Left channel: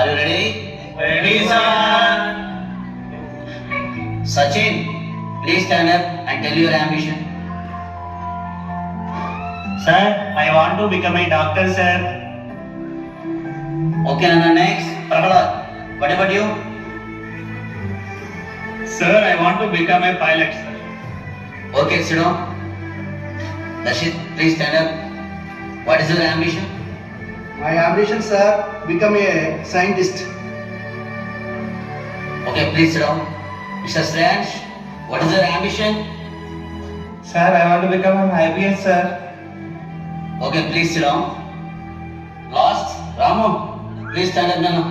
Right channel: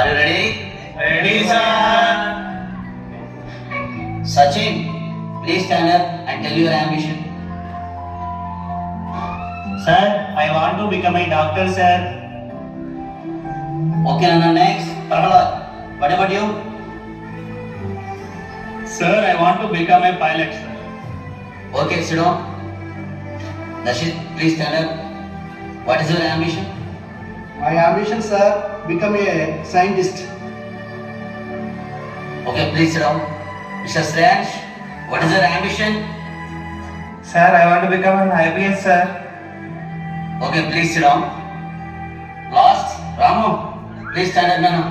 Are you ready? Ready, sir. Sachin, please stand up and tell your ambition. Sir, I want to become a doctor, sir. Okay, Nana, next. Prahalad, what about you? Sir, I want to become a pilot, sir. Okay, sit down. Dashit, please stand up. What is your ambition? My ambition, sir, become a scientist. Okay, please sit down. Mr. Strange, what is your ambition? Sir, I want to become an IPS, sir. Okay, please sit down. Last, Ramu, please stand up, Nana.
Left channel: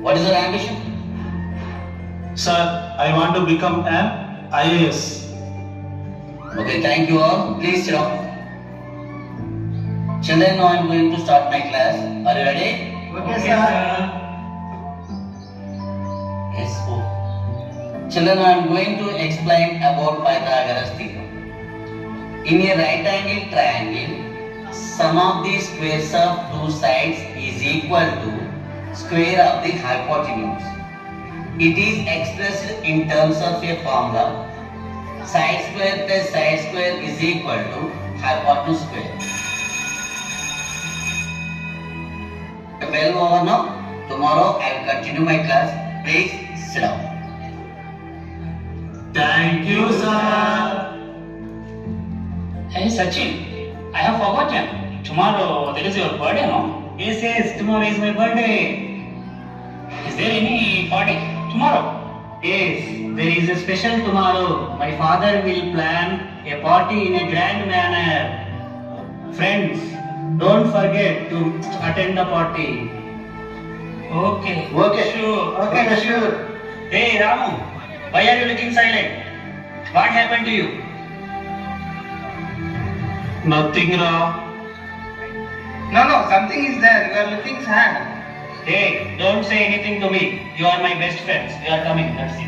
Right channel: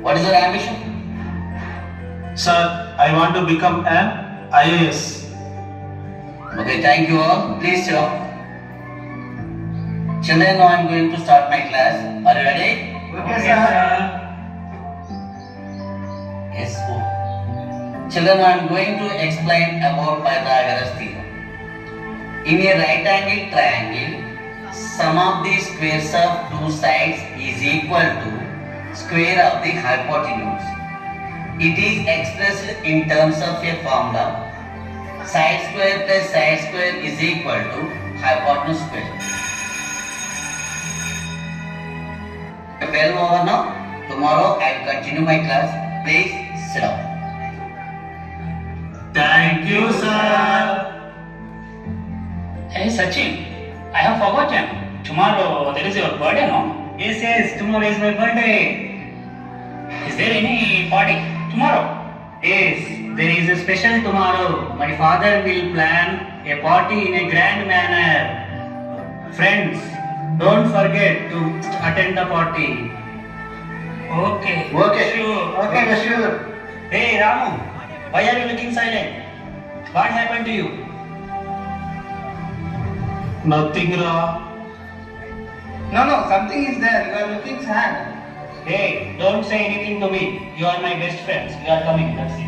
What is your ambition? Sir, I want to become an IAS. Okay, thank you all. Please sit down. Children, now I am going to start my class. Are you ready? Okay, sir. Yes. Oh. Children, I am going to explain about Pythagoras theorem. In a right-angled triangle, sum of the squares of two sides is equal to square of the hypotenuse. It is expressed in terms of a formula. Side square plus side square is equal to hypotenuse square. Well over now. Tomorrow I will continue my class. Please sit down. Thank you, sir. Hey Sachin, I have forgotten. Tomorrow there is your birthday, no? Yes, tomorrow is my birthday. Is there any party tomorrow? Yes, there is a special tomorrow. My father will plan a party in a grand manner. Friends, don't forget to attend the party. Okay. Okay. Sure. Okay, sure. Hey Ramu, why are you looking silent? What happened to you? Nothing, Ra. No, something is there. You are looking sad. Hey, don't say anything to me. You are my best friends. You are coming. Let's see.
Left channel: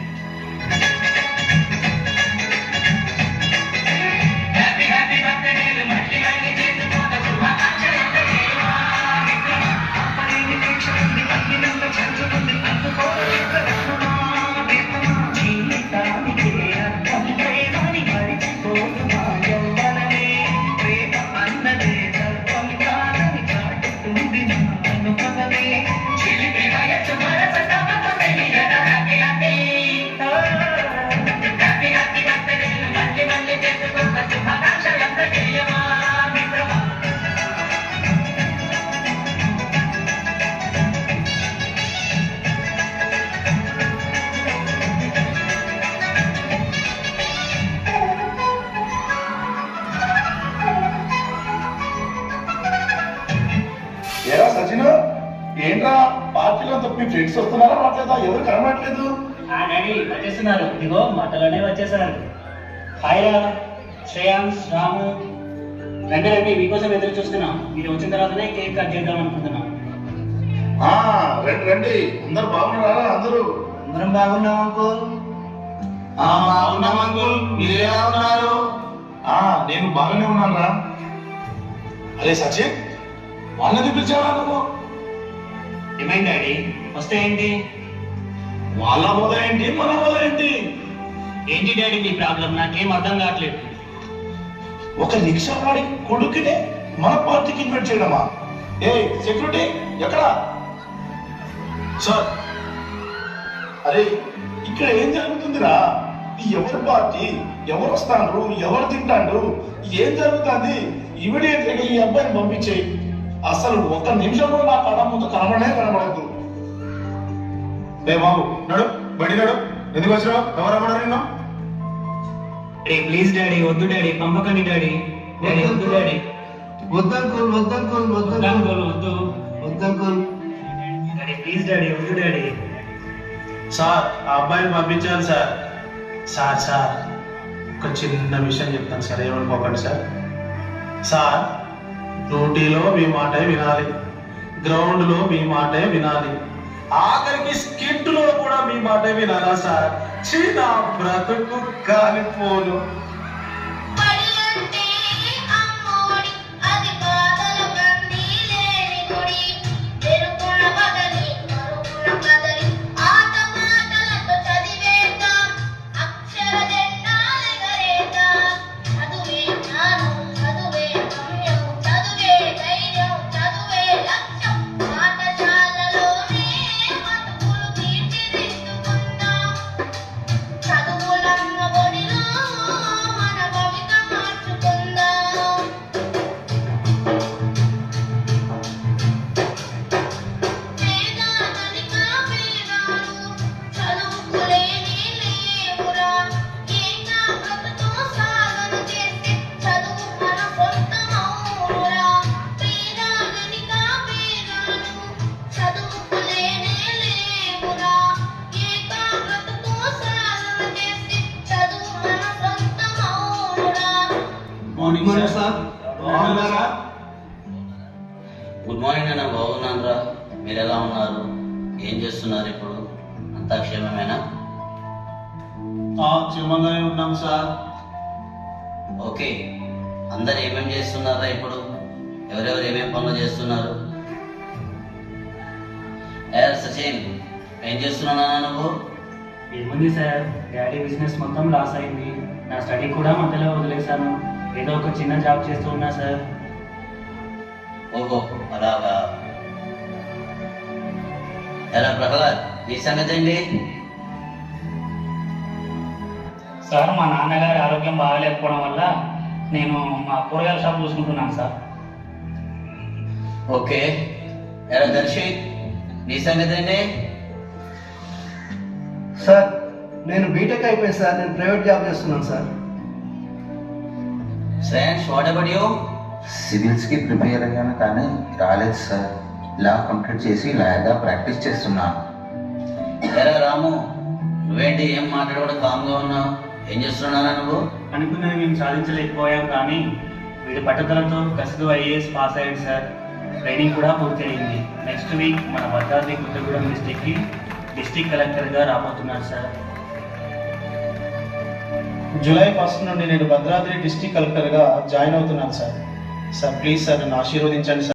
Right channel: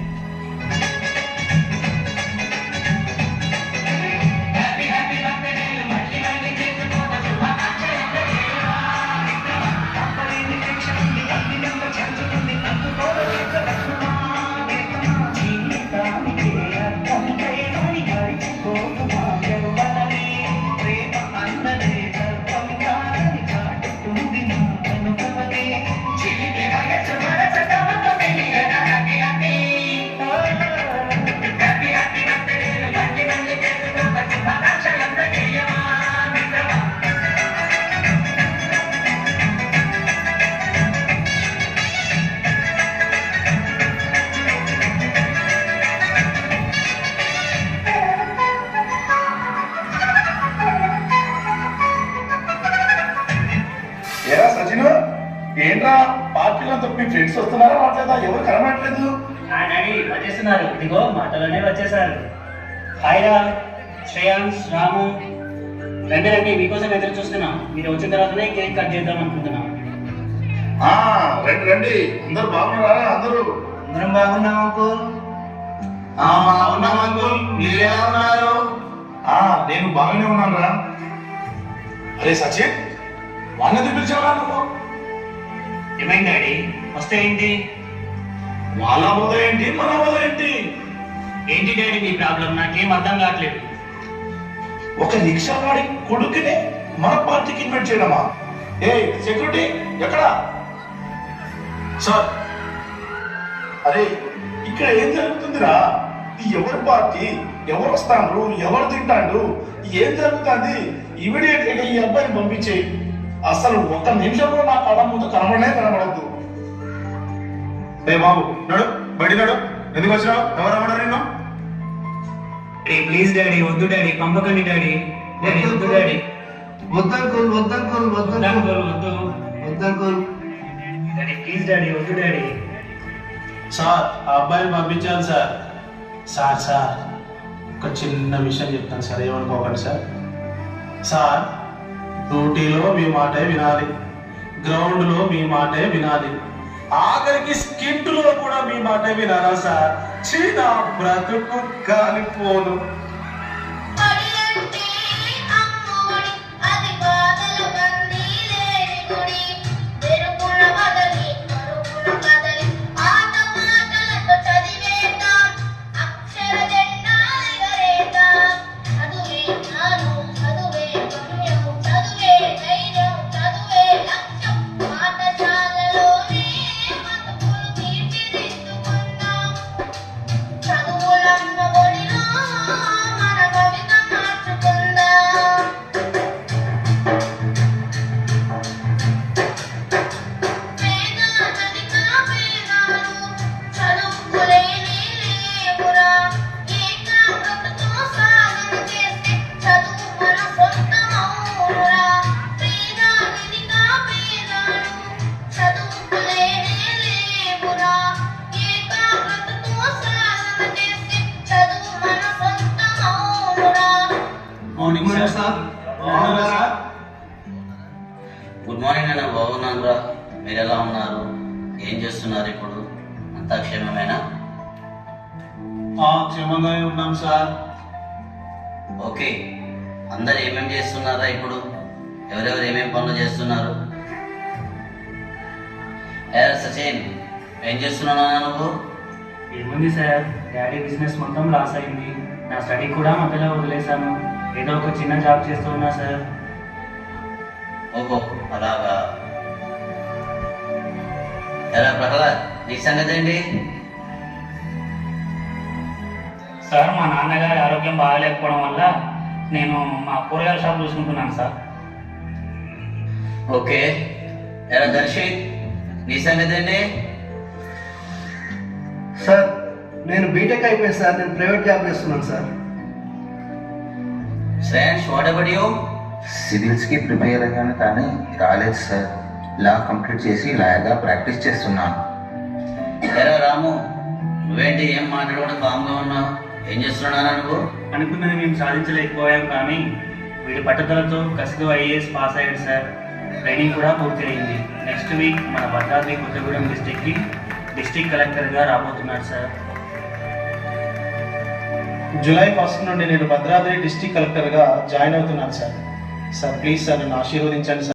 ఏరా సచిన్ ఏంట్రా పార్టీలో మీ friends వస్తున్నారా మాట్లాడదా ఎవరు కనబడట్లేదు daddy వచ్చేస్తున్నారు. ఇదిగో మాటలోనే వచ్చేసారు. హాయ్ రా, శ్రేయాంశ్, రాము, రండి మీకోసం ఎదురు చూస్తున్నాం. మీరు వచ్చిన తర్వాతనే కేక్ కట్ చేద్దాం అనుకుంటున్నాం. ఆ రండి అందరు బాగున్నారా అందరూ అందరం బాగున్నాం అంకుల్. బాగున్నాం అంకుల్ మీరు ఎలా ఉన్నారు నేను బాగానే ఉన్నానురా అరే సచిన్ వాళ్ళని పిలిచావా నువ్వు ఏమైంది డాడీ? వస్తే ఏంటి? వాళ్ళ బోధ ఏంటి మన బోధ ఏంటి ఏంటి డాడీ మీ ప్రాబ్లం? నాకేం అర్థం కావట్లేదు. ఒక రిక్షా వాడి కొడుకునే మన పార్టీకి ఇన్వైట్ చేయడమా ఏ సెక్యూరిటీ ఎక్కడ సార్ అరే ఇక్కడ ఏం జరుగుతుందిరా ఎవరు పార్టీ ఎవరు వస్తాడు ఎవరు తింటాడు ఏం జరుగుతుంది ఇమీడియట్ గా ఈ అబ్బాయిని పంపించే అసలు ఒక నిమిషం కూడా నా కళ్ళ ముందు కనబడద్దు రే బాబు నడు బడి నడు ఎందుకు వచ్చినావు ఎవరు రమ్మన్నారు నిన్ను ప్లీజ్ డాడీ, వద్దు డాడీ, పంపకండి డాడీ. వద్దు డాడీ, వద్దంకుల్. వద్దంకుల్. డాడీ ప్లీజ్ డాడీ, వద్దు డాడీ. సార్ ఆ అబ్బాయిని పంపించాను సార్. సార్ ఒక చిన్న విషయం చెప్తాను సార్, ఏమనుకోకండి సార్. సార్ డ్యూటీలో మీ మాటే వినాలి, గ్రౌండ్లో మీ మాటే వినాలి, ఆఖరికి స్కిట్లో కూడా మీ మాటే వినాలా సార్. చిన్న బ్రతుకు కాలిపోను. Morning sir. బాగున్నారా? గుడ్ మార్నింగ్ అన్న, బాగున్నాను రా. మీరు ఎలా ఉన్నారు? ఏం చేస్తున్నారు ఇప్పుడు? అంతా క్షేమమేనా? క్షేమంగానే ఉన్నాం సార్. ఓకే, అందరు ఏమేమి చేస్తున్నారా ఇప్పుడు? ఎవరెవరు ఏమేమి పనులు చేస్తున్నారు? సచిన్, ఏం చేస్తున్నావు నువ్వు? ఏముంది సార్, డాడీ బిజినెస్ మొత్తం లాస్ అయింది. నా స్టడీ కూడా మధ్యలో వదిలేశాను. ఏదో ఒక చిన్న జాబ్ చేస్తూ ఉన్నా సార్. ఓహో, అలాగా. ఎలా ప్రహ్లాద్, నీ సంగతి ఏంటి? సార్, మా నాన్నగారి ఆరోగ్యం బాగాలేకపోవడం వల్ల నేను మా కూరగాయల షాప్ చూసుకుంటున్నాను సార్. ఓకే. ఎలా దర్శిత్, నీ సంగతి ఏంటి? సార్ నేను బీటెక్ అయిపోయింది సార్. నేను ప్రైవేట్ జాబ్ చేస్తున్నాను sir. Shreyans, what about you? సివిల్స్కి ప్రిపేర్ అయ్యాను కానీ రాలేదు సార్. లా కంప్లీట్ చేసి లాగా ప్రాక్టీస్ చేస్తున్నాను. ఎలా రాము, నువ్వేంటి ఏం మాట్లాడకుండా కామ్గా ఉన్నావు? ఏం చేస్తున్నానా నువ్వు? అనుకున్నది మేము సాధించలేకపోయాం, కానీ వీడి పట్టుదలతో కసితో ఐఏఎస్ పాస్ అయ్యాడు సార్. ట్రైనింగ్ కూడా పూర్తయింది. నెక్స్ట్ వీక్ మన భద్రాద్రి కొత్తగూడెం డిస్టిక్కి డిస్టిక్ కలెక్టర్గా రాబోతున్నాడు సార్. జూలై 1 నుండి నేను భద్రాద్రి డిస్ట్రిక్ట్ కలెక్టర్గా జాయిన్ అవుతున్నాను సార్. సార్ ప్లీజ్ సార్ నన్ను ఆశీర్వదించండి సార్.